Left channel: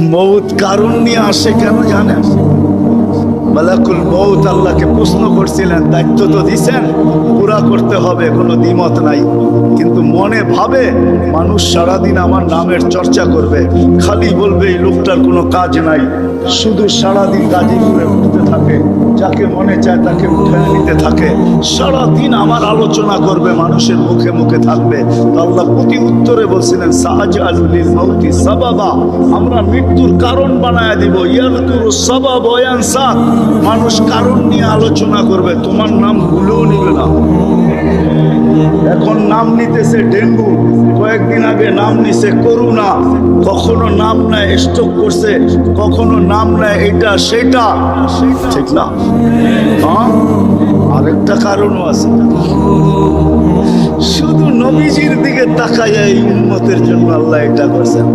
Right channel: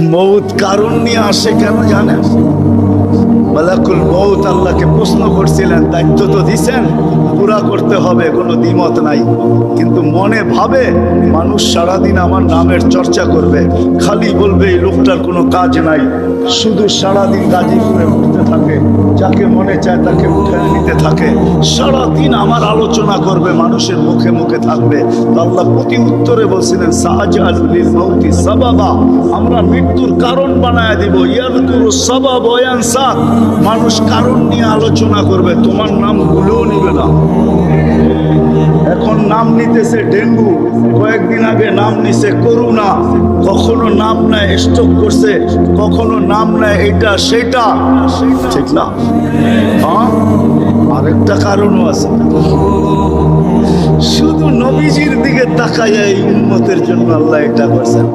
মৌত কারণ নিয়ে আসে কেন জানেন? মালাকুল মৌত আল্লাহকে প্রশ্ন করছিলেন, দায়িত্ব তো দিছেন, পুরা করতে হবে, কোনো দ্বিমত নাই। কিন্তু মনে ভাবে মানুষ সারাদিন আমার নামের চর্চা করবে, খালি বলবে এই লোকটার কোনো কাজ নাই, শুধু সারাদিন গাজীপুরে ঘুরতে থাকে, যাকে মনে চায় তাকে উঠে নিতে থাকে, সারাদিন আমার আলোচনা করবে, মানুষের মুখে মুখে থাকবে। তো আল্লাহ প্রতি উত্তরে বলছিলেন, সাহাজালুল মৌতি সাবাবা, আমরা মৃত্যুর কারণ বানায় দিব। ইয়াযকুরু সাবাব ওয়া ইয়ানসা, মানুষ কারণ নিয়ে আলোচনা করবে, তোমার নাম ভুলেও নিবে না। এখন নাম নিতেছে ডেঙ্গু, কয়েকদিন আগে নাম নিছে করোনা, কখনো নাম নেয় স্ট্রোক করছে, কখনো নাম নেয় এটা সেটা, ঠিক না? হ্যাঁ, আরেকটা কারণও আছে। শুধু নবীজির দিকে তাকাইয়া এই উম্মতের জন্য আল্লাহ এটা করছেন।